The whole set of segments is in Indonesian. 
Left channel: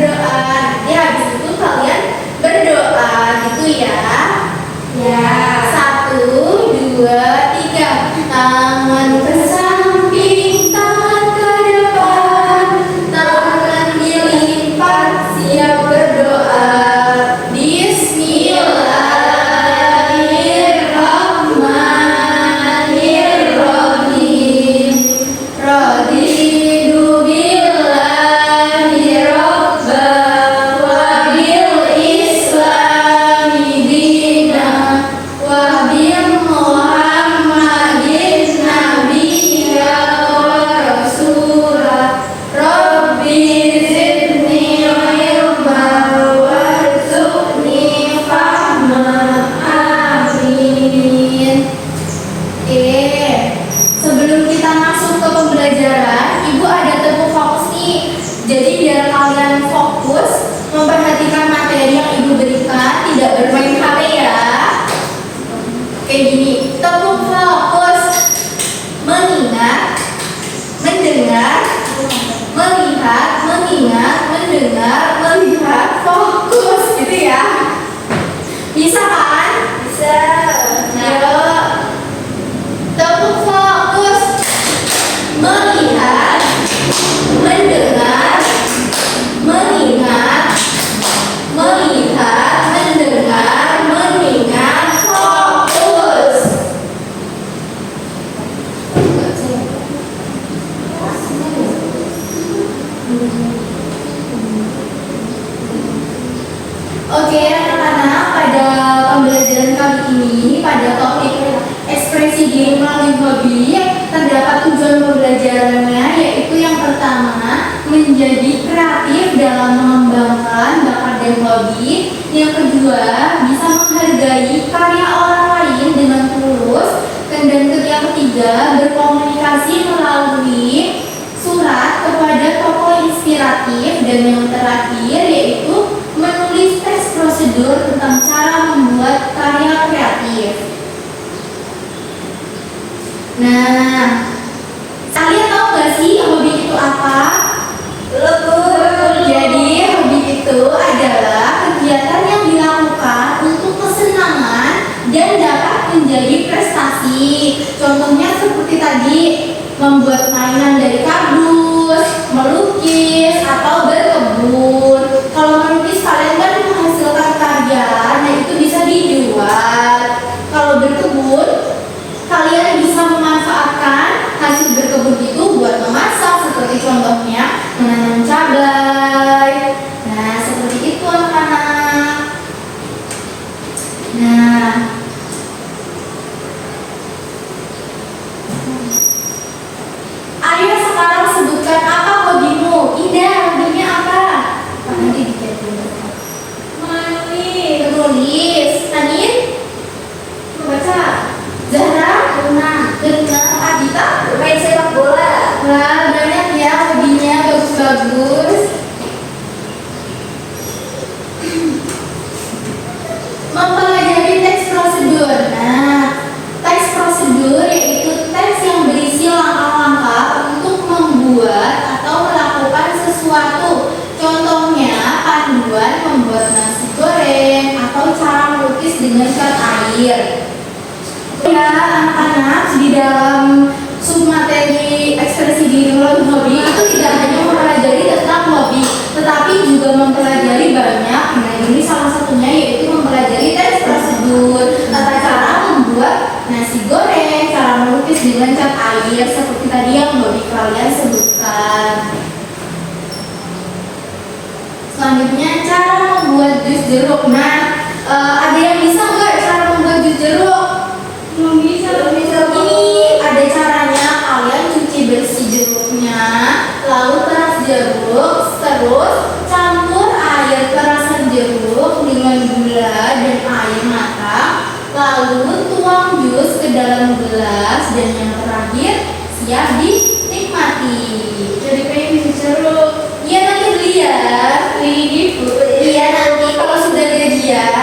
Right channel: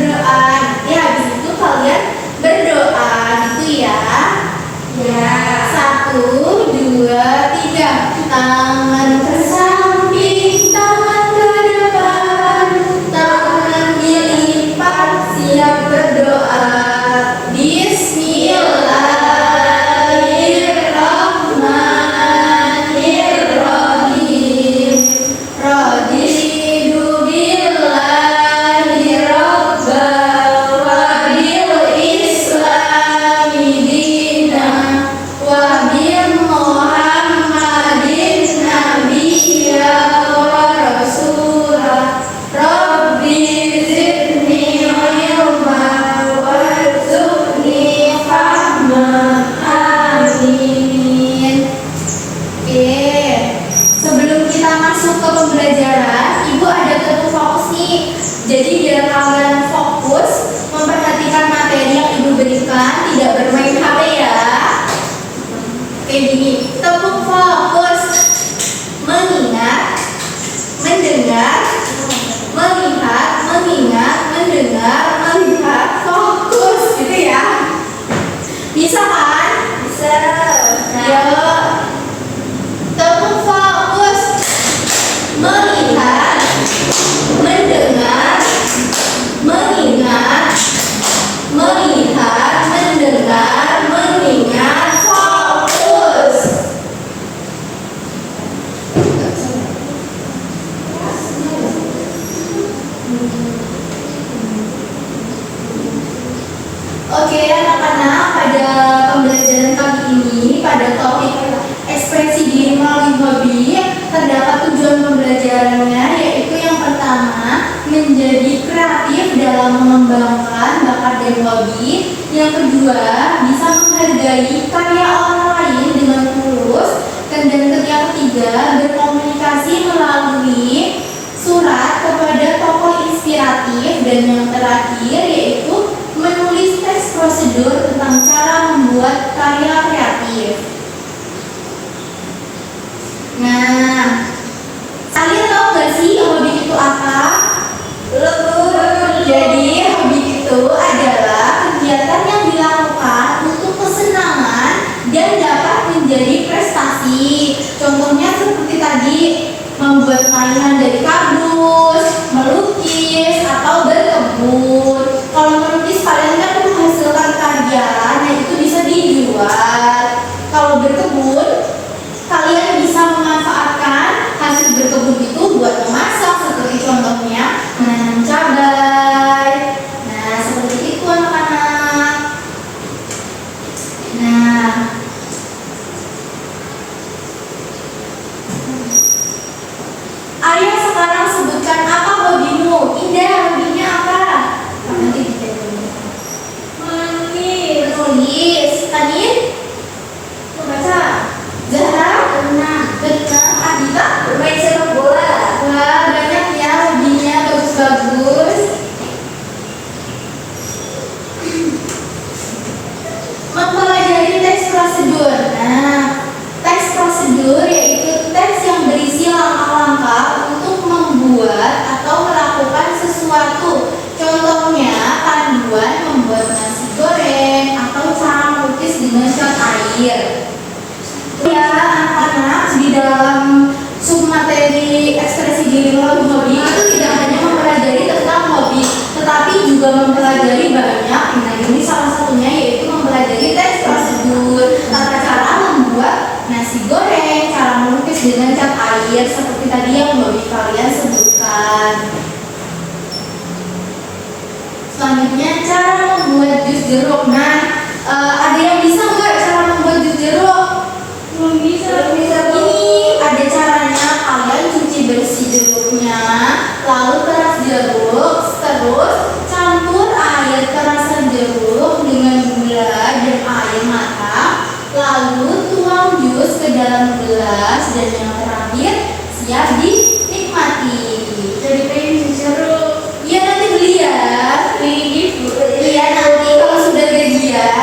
berdoa. Ya, habis itu kalian berdoa gitu ya. Ya, 1, 2, 3. Tangan ke samping, tangan ke depan, tangan dilipat, siap berdoa. Bismillahirrahmanirrahim. Raditu billahi rabban wa bil islami dinan wa bil Muhammadin nabiyya wa rasula. Rabbi zidni ilman warzuqni fahman. Amin. Oke, sebelum kita masuk ke pembelajaran, Ibu ada tepuk fokus nih. Jadi biar kalian fokus memperhatikan materi yang Ibu berikan, tidak bermain HP ya. Kayak gini, tepuk fokus. Mengingat, mendengar, melihat, mengingat, mendengar, melihat, fokus gitu ya. Bisa kan? Bisa. Yuk. Tepuk fokus. Melihat, mendengar, mengingat, melihat, mendengar, mengingat, fokus. Oke anak-anak, pada pembelajaran kali ini pada topik ekspresi diri melalui hobi terdapat tujuan pembelajarannya, yaitu yang pertama menjadi kreatif dalam mengembangkan bakat dan hobi, yang kedua bisa menghargai karya orang lain dengan tulus, dan yang ketiga berkomunikasi melalui surat kepada tokoh inspiratif, dan yang terakhir yaitu menulis teks prosedur tentang cara membuat karya kreatif. Nah, kalian tahu gak sih hobi itu apa? Belum. Jadi hobi itu adalah kegiatan yang dilakukan untuk kesenangan dan dapat menjadi prestasi. Contohnya seperti tadi, membuat mainan dari kardus, melukis, atau berkebun. Kalau melukis kalian kan menghasilkan karya, nah itu bisa dijual. Kalau berkebun, kalian bisa memanfaatkan hasil berkebun itu buat memasak, seperti contohnya menanam cabai. Nah, seperti itu anak-anak. Nah, ayo sekarang sebutkan apa hobimu. Indah, hobinya apa? Nanti dijawab. Menulis. Tanin? Membaca. Zahra? Berenang. Adita? Bermain sepak bola. Wah, banyak ya hobinya, bagus-bagus. Mempelajari teks prosedur. Nah, teks prosedur yaitu teks yang berisi langkah-langkah untuk membuat atau melakukan sesuatu. Contohnya panduan membuat nasi goreng atau cara melukis dengan cat air. Ya anak-anak, di dalam submateri ekspresi diri melalui hobi itu tidak hanya mempelajari tentang hobi, tetapi juga mempelajari banyak. Nah, ini salah satunya yaitu mempelajari teks prosedur, tata cara membuat nasi goreng, cara melukis dengan cat air seperti tadi yang hobi kalian sebutkan. Selanjutnya cara membuat jus jeruk. Nah, ada yang bisa nggak cara membuat jus jeruk? Belum bisa. Ini ada caranya. Kalian cuci bersih jeruknya, lalu peras jeruk, terus campur air perasan jeruk dengan gula dan air matang, lalu tuang jus ke dalam gelas, dan yang terakhir siap dinikmati. Jadi pengen jus jeruk. Iya, nanti beli ya. Iya, nanti kalau sudah gajian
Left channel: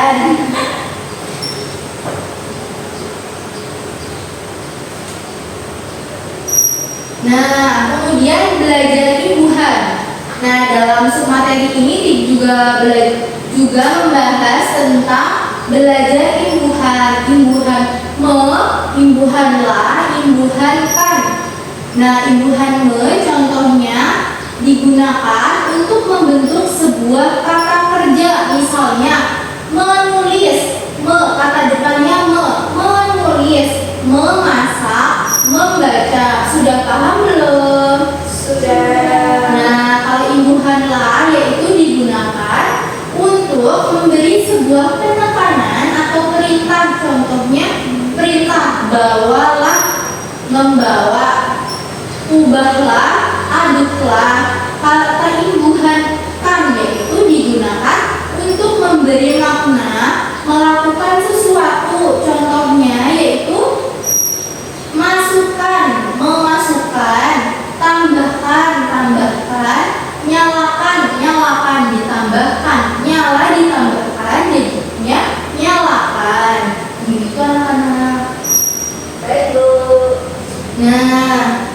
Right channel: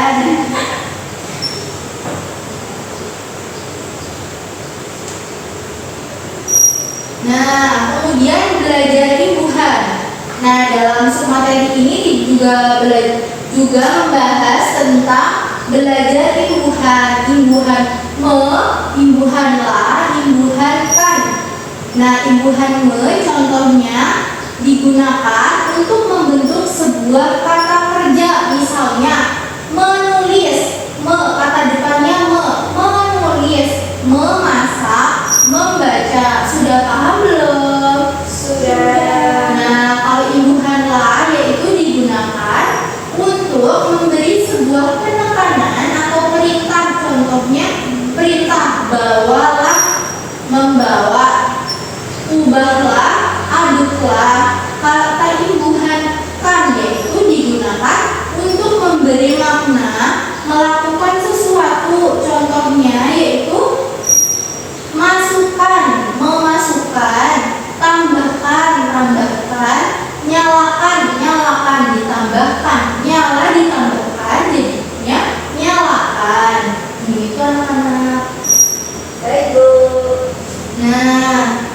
Nah, dalam submateri ini juga membahas tentang belajar imbuhan, imbuhan imbuhan la, imbuhan kan. Nah, imbuhan contohnya digunakan untuk membentuk sebuah kata kerja. Misalnya menulis, kata depannya menulis, memasak, membaca. Sudah paham belum? Sudah. Nah, kalau imbuhan la yaitu digunakan untuk memberi sebuah penekanan atau perintah. Contohnya perintah bawalah, membawa, ubahlah, aduklah. Kata imbuhan kan yaitu digunakan untuk memberi makna, melakukan sesuatu. Contohnya yaitu masukkan, memasukkan, tambahkan, tambahkan, nyalakan, nyalakan, ditambahkan, nyala ditambahkan, jadinya nyalakan. Gitu anak-anak. Baik, Bu. Nah,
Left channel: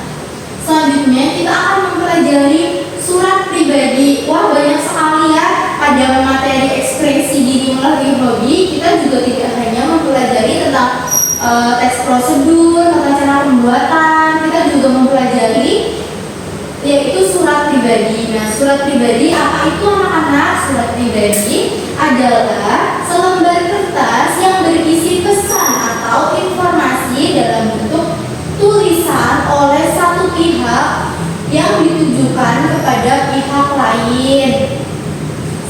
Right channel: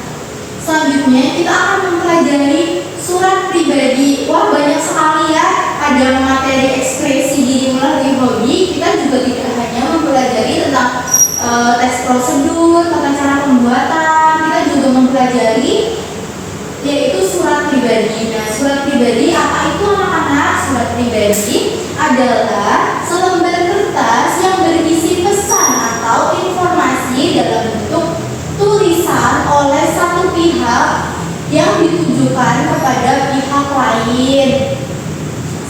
selanjutnya kita akan mempelajari surat pribadi. Wah, banyak sekali ya pada materi ekspresi diri melalui hobi. Kita juga tidak hanya mempelajari tentang teks prosedur, tata cara pembuatan. Kita juga mempelajari yaitu surat pribadi. Nah, surat pribadi apa itu anak-anak? Surat pribadi adalah selembar kertas yang berisi pesan atau informasi dalam bentuk tulisan oleh satu pihak yang ditujukan kepada pihak lain.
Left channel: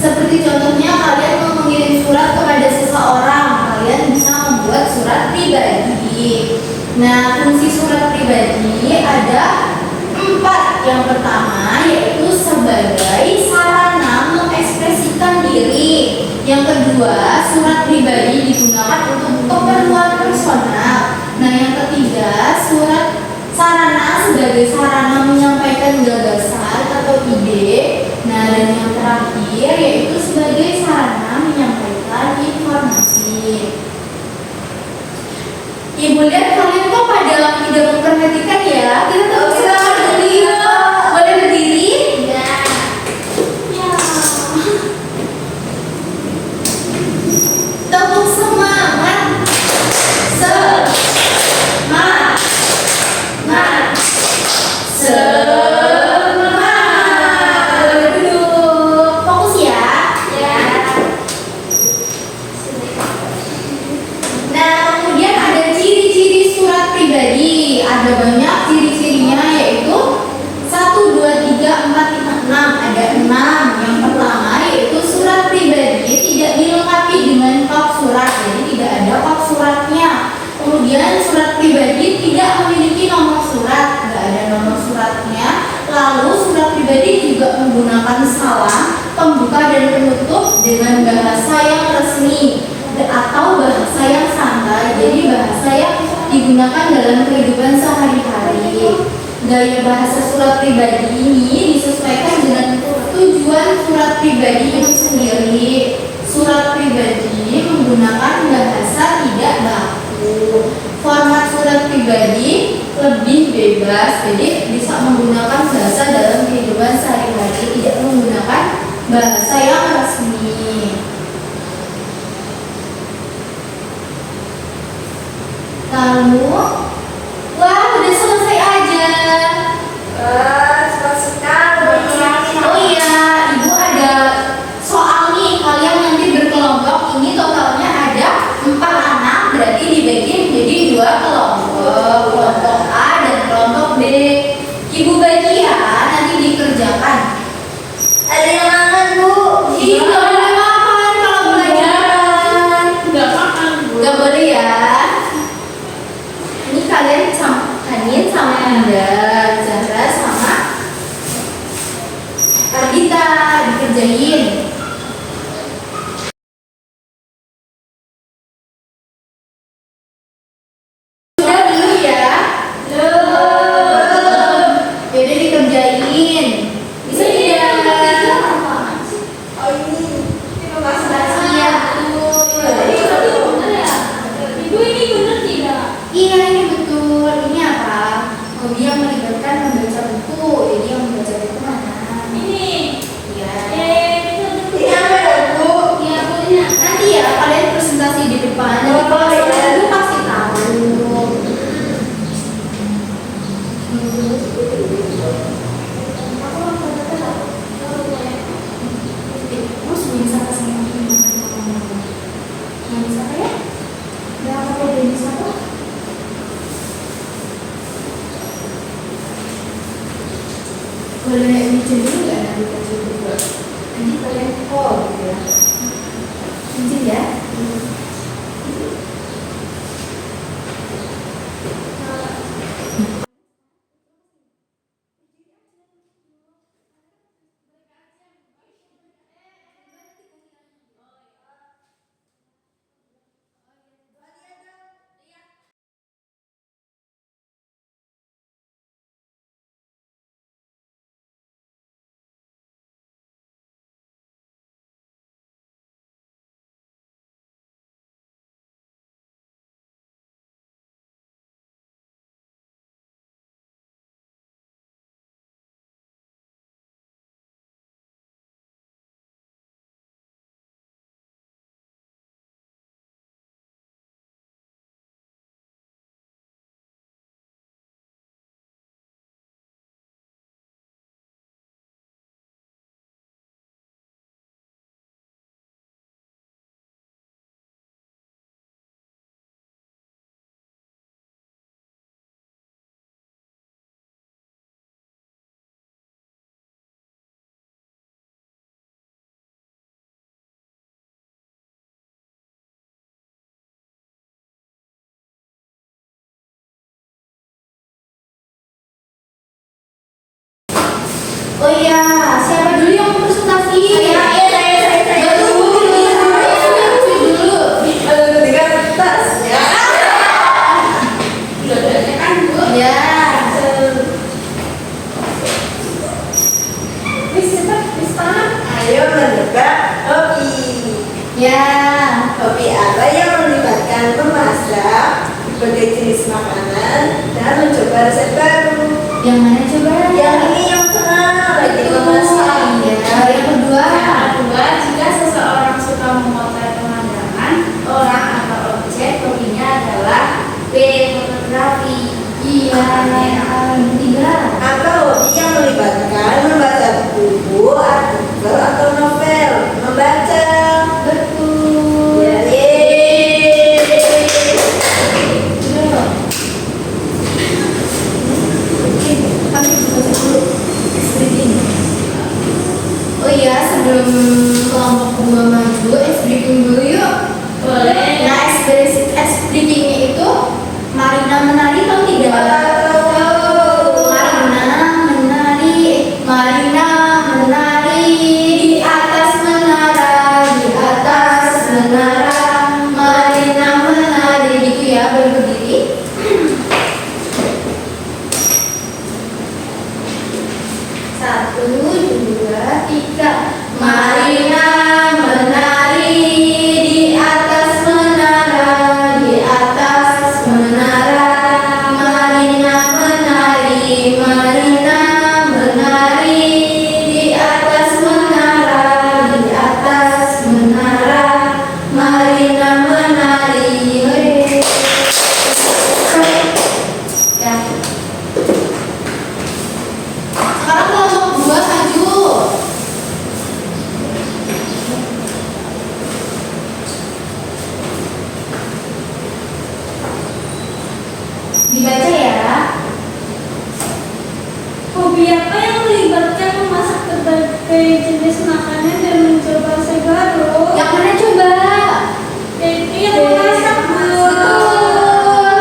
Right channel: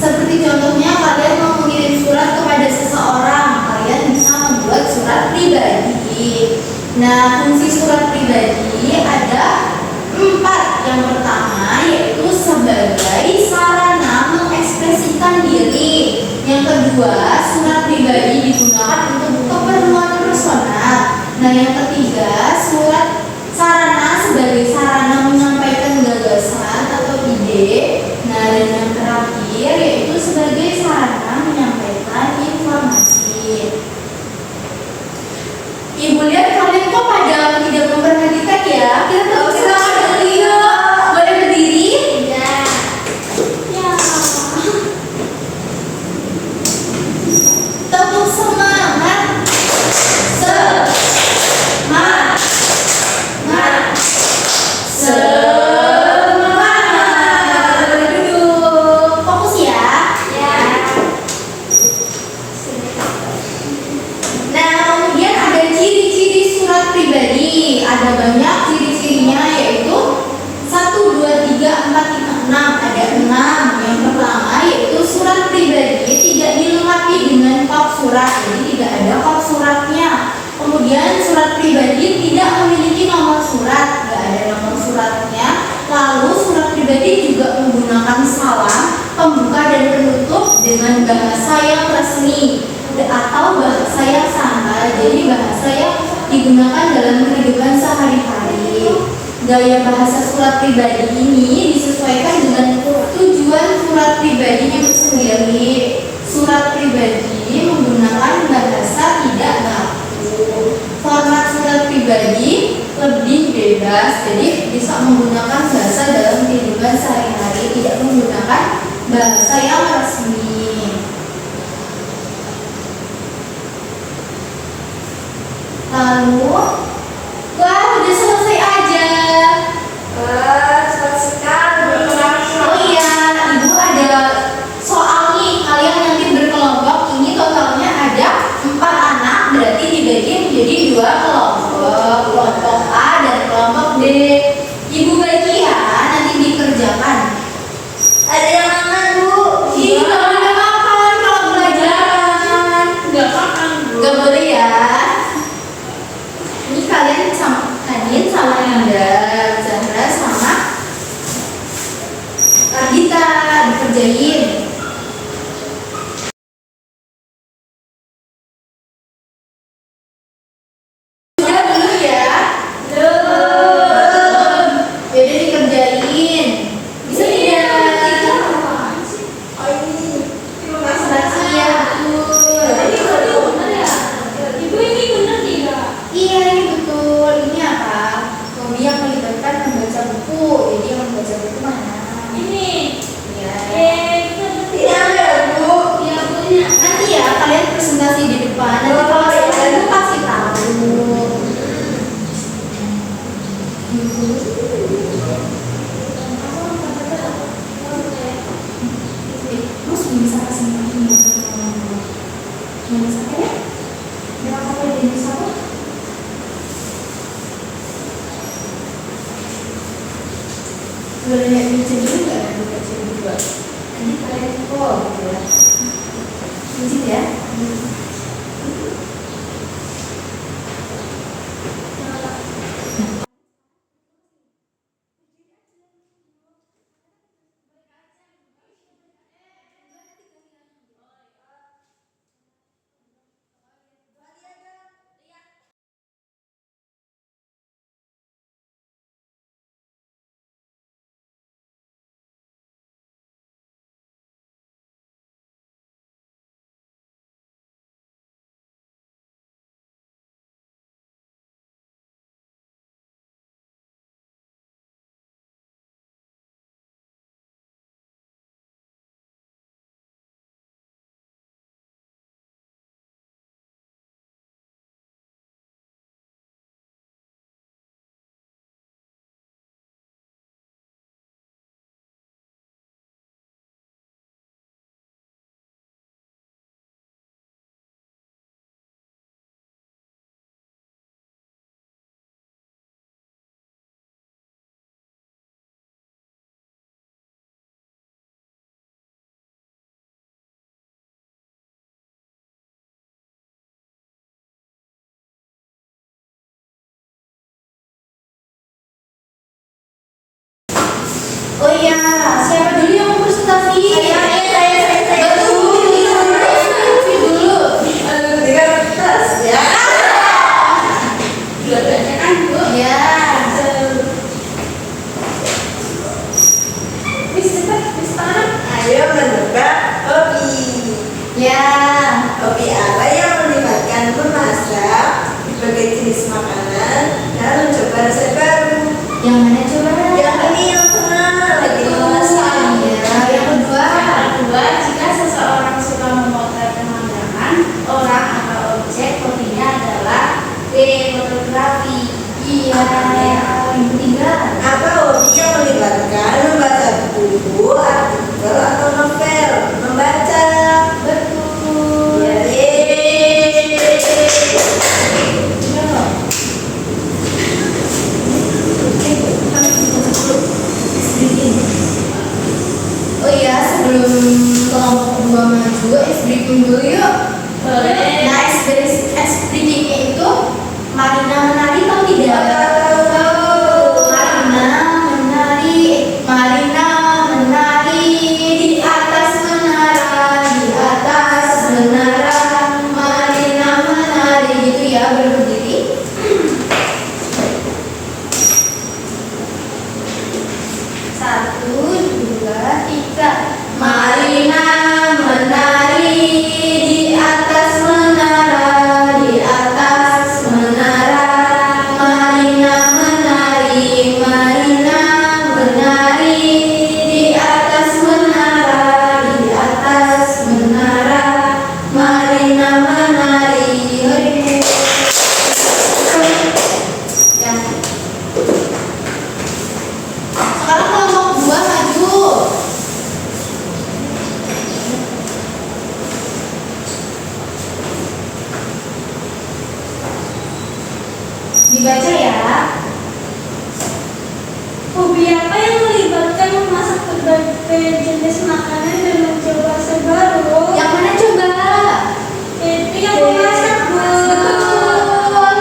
Seperti contohnya kalian mau mengirim surat kepada seseorang, kalian bisa membuat surat pribadi. Nah, fungsi surat pribadi ada 4. Yang pertama yaitu sebagai sarana mengekspresikan diri. Yang kedua, surat pribadi digunakan untuk keperluan personal. Nah, yang ketiga, surat sarana sebagai sarana menyampaikan gagasan atau ide. Nah, dan yang terakhir yaitu sebagai sarana menyampaikan informasi. Ibu lihat kalian kok pada tidak memperhatikan ya. Kita terus berdiri. Boleh berdiri? Ya. Ya. Tepuk semangat. Semangat. Semangat. Boleh duduk. Fokus ya. Ya. Nah, kemudian ada ciri-ciri surat pribadi. Ada banyak ciri-cirinya yaitu 1, 2, 3, 4, 5, 6. Ada 6. Yang pertama yaitu surat pribadi tidak dilengkapi dengan kop surat. Jadi tidak ada kop suratnya. Kemudian surat pribadi tidak memiliki nomor surat. Tidak ada nomor suratnya. Lalu surat pribadi juga menggunakan salam, pembuka dan penutup dengan bahasa yang resmi atau bahasa yang santai. Jadi bahasa yang digunakan dalam kehidupan sehari-hari. Gaya bahasa surat pribadi ini disesuaikan dengan tujuan surat pribadi itu sendiri. Surat pribadi menggunakan bahasa tidak baku. Format surat pribadi lebih bebas, jadi bisa menggunakan bahasa dalam kehidupan sehari-hari, tidak menggunakan bahasa yang resmi. Lalu, wah, udah selesai aja. Cepat sekali. Oh iya, Ibu ada soal nih. Kalian nanti berkelompok. Ini totalnya ada 4 anak, berarti dibagi menjadi 2 kelompok. Kelompok A dan kelompok B. Ibu bagi ya, nanti dikerjakan. Ada yang mangan, Bu? Iya, Nanti ya kalian presentasi di depan. Nanti kalau selesai itu pasti tahu. Mas bisa kasih yang bisa ya? Dengan apa yang bisa apa? Boleh naik meja dulu nggak? Nanti baca juga. Nanti kalian call gitu ya. Izin ya. Oh iya, siapa dulu yang mau presentasi? Saya. Betul, dulu. Di kertas ya. Ya. Miss cepat, Miss tangan. Ayo menentukan hobi. Ya. Hobi apa yang melibatkan memasak berbagai jenis makanan dan mencoba resep baru. Yang mana coba? Yang ini yang pernah lagi memasak. Ya, yang kedua. Yang kedua, jika seseorang suka memotret pemandangan, orang atau objek, hobinya adalah B. Fotografi. Iya. Yang ketiga. Apa hobi yang melibatkan membaca buku, artikel atau novel? Membaca. Betul. Ya. Oh iya, sebelum kelompok kedua maju, ice breaking dulu yuk. Boleh. Nah, ice breakingnya itu Marina menari atau tidak? Marina menari di atas menara, di atas menara. Marina menari gitu ya, berdiri. Satu, dua, tiga. Marina menari di atas menara, di atas menara. Marina menari, Marina menari di atas menara, di atas menara. Marina menari. Ya. Sekarang kelompok dua maju. Dibaca ya. Hobi apa yang melibatkan memasak berbagai jenis makanan dan mencoba resep baru? Yang mana coba? Itu yang memasak, Bu. Betul.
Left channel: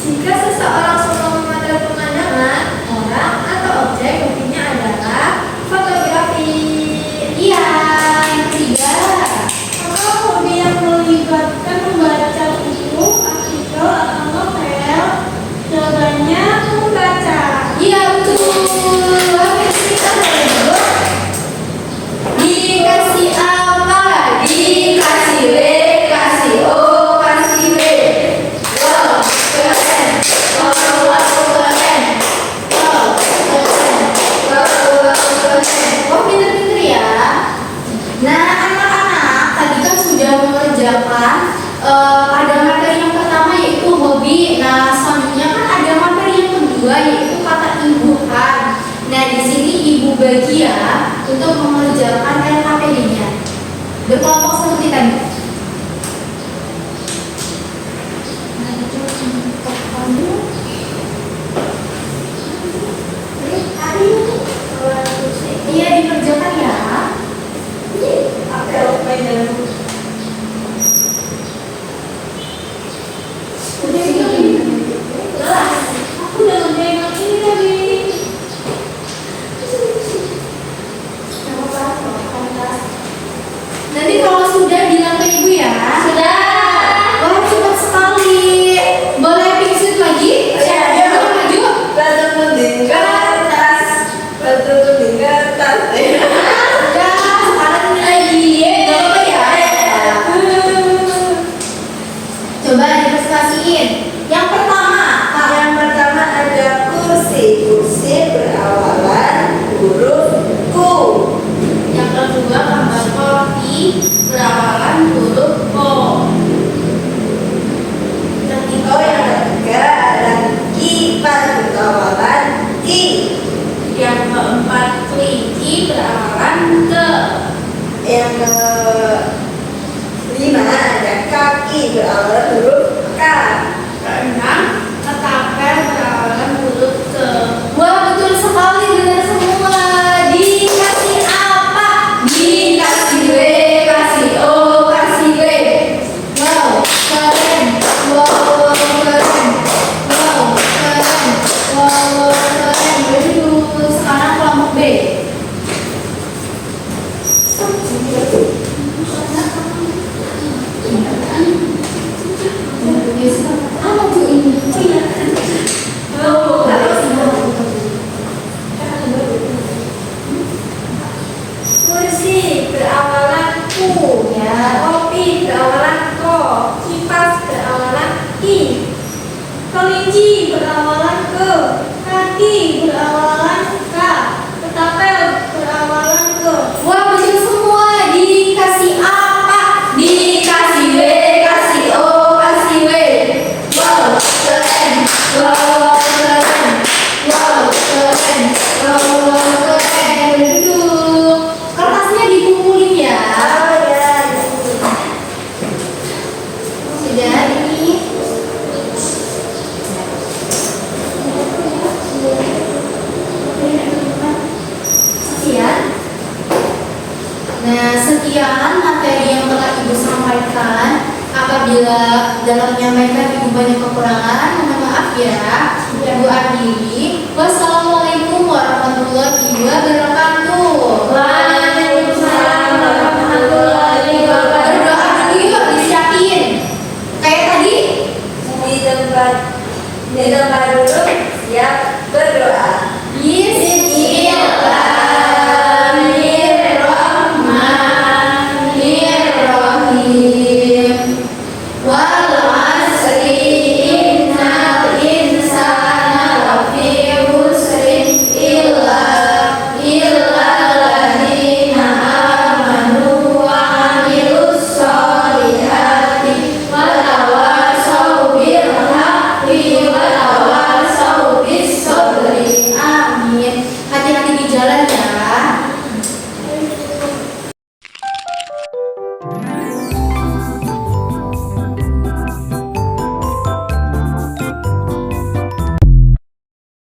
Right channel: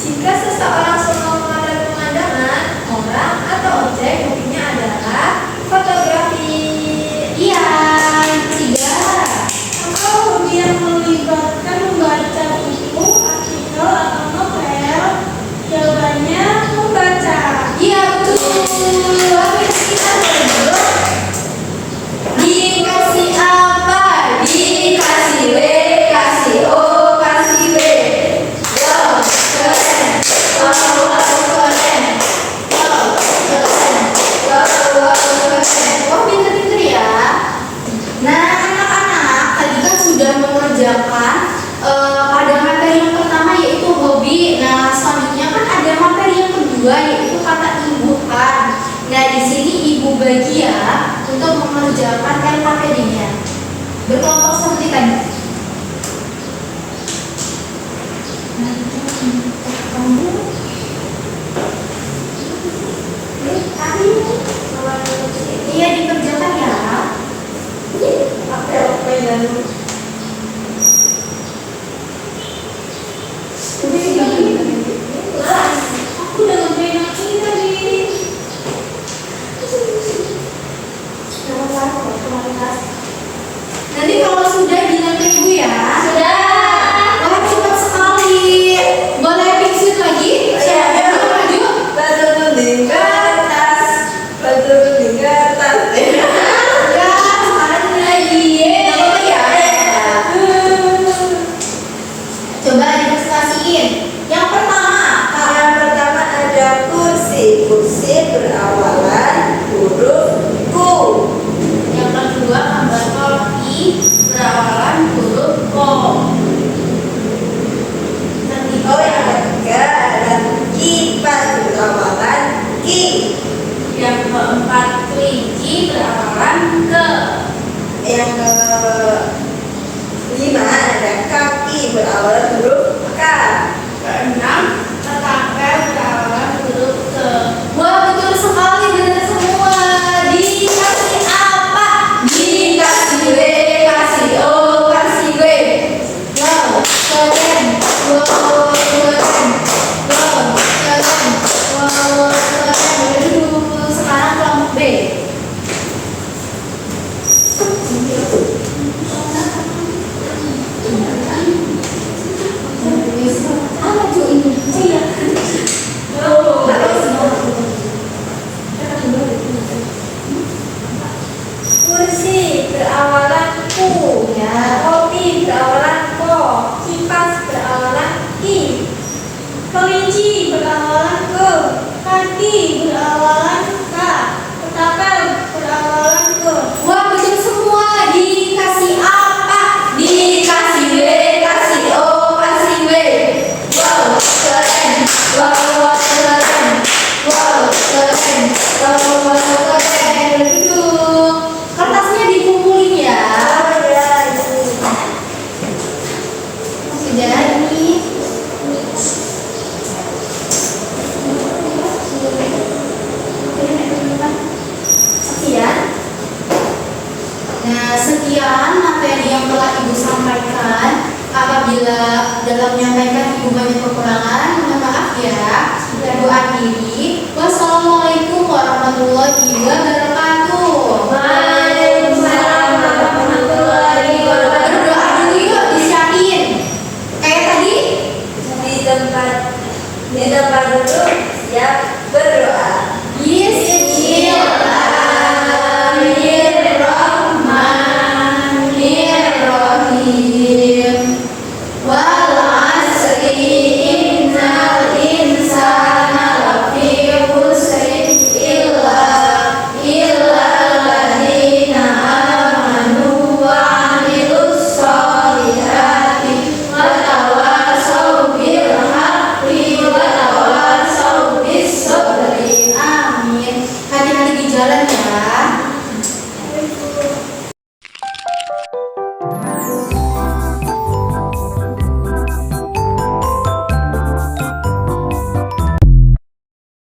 Jika seseorang suka memotret pemandangan, orang atau objek, hobinya adalah fotografi. Iya, yang ketiga. Apa hobi yang melibatkan membaca buku, artikel, atau novel? Jawabannya membaca. Iya betul. Habis kita dulu. dibagi ya untuk mengerjakan LKPD-nya. Berkelompok seperti tadi. Iya, dikerjakan ya. Aku udah ngerjain ini tadi. Nanti kalau sudah bilang ke ibu ya. Sudah. Wah, cepat sekali. Boleh pingsit lagi? Iya. Siapa yang maju? Batu gunting kertas, batu gunting kertas. Udah, sekarang ini lagi. Gak apa-apa ya. Coba dipresentasiin. Yang pertama, Kak. Yang pertama ada kursi. Kursi berawalan huruf ku. Yang kedua gambar kopi berawalan huruf ko. Oh, yang ketiga ada kipas berawalan ki. Yang keempat kelinci berawalan ke. Yang kelima ada kaki berawalan huruf k. Keenam ketapel berawalan huruf ke. Wah, betul sekali, benar semua. Dikasih apa? Dikasih W, kasih O, kasih W. Wow, keren. Wow, keren. Wow, keren. Wow, keren. Aduh, sekarang kelompok B. Ah, maju ini. Kursi berawalan ku, Ya. kopi berawalan ko, kipas berawalan ki, kelinci berawalan ke, kaki berawalan ka, ketapel berawalan ke. Wah, betul semua. Dikasih apa? Dikasih W, kasih O, kasih W. Wow, keren. Wow, keren. Wow, keren. Wow, keren. Duduk. Kertasnya dikumpulin ya. Oh ya, ini. Sudah ini. Sekian. Nah, sekian materi yang telah Ibu sampaikan. Apabila dalam menyampaikan Ibu banyak kekurangan, mohon maaf ya. Ibu akhiri. Wassalamualaikum warahmatullahi wabarakatuh.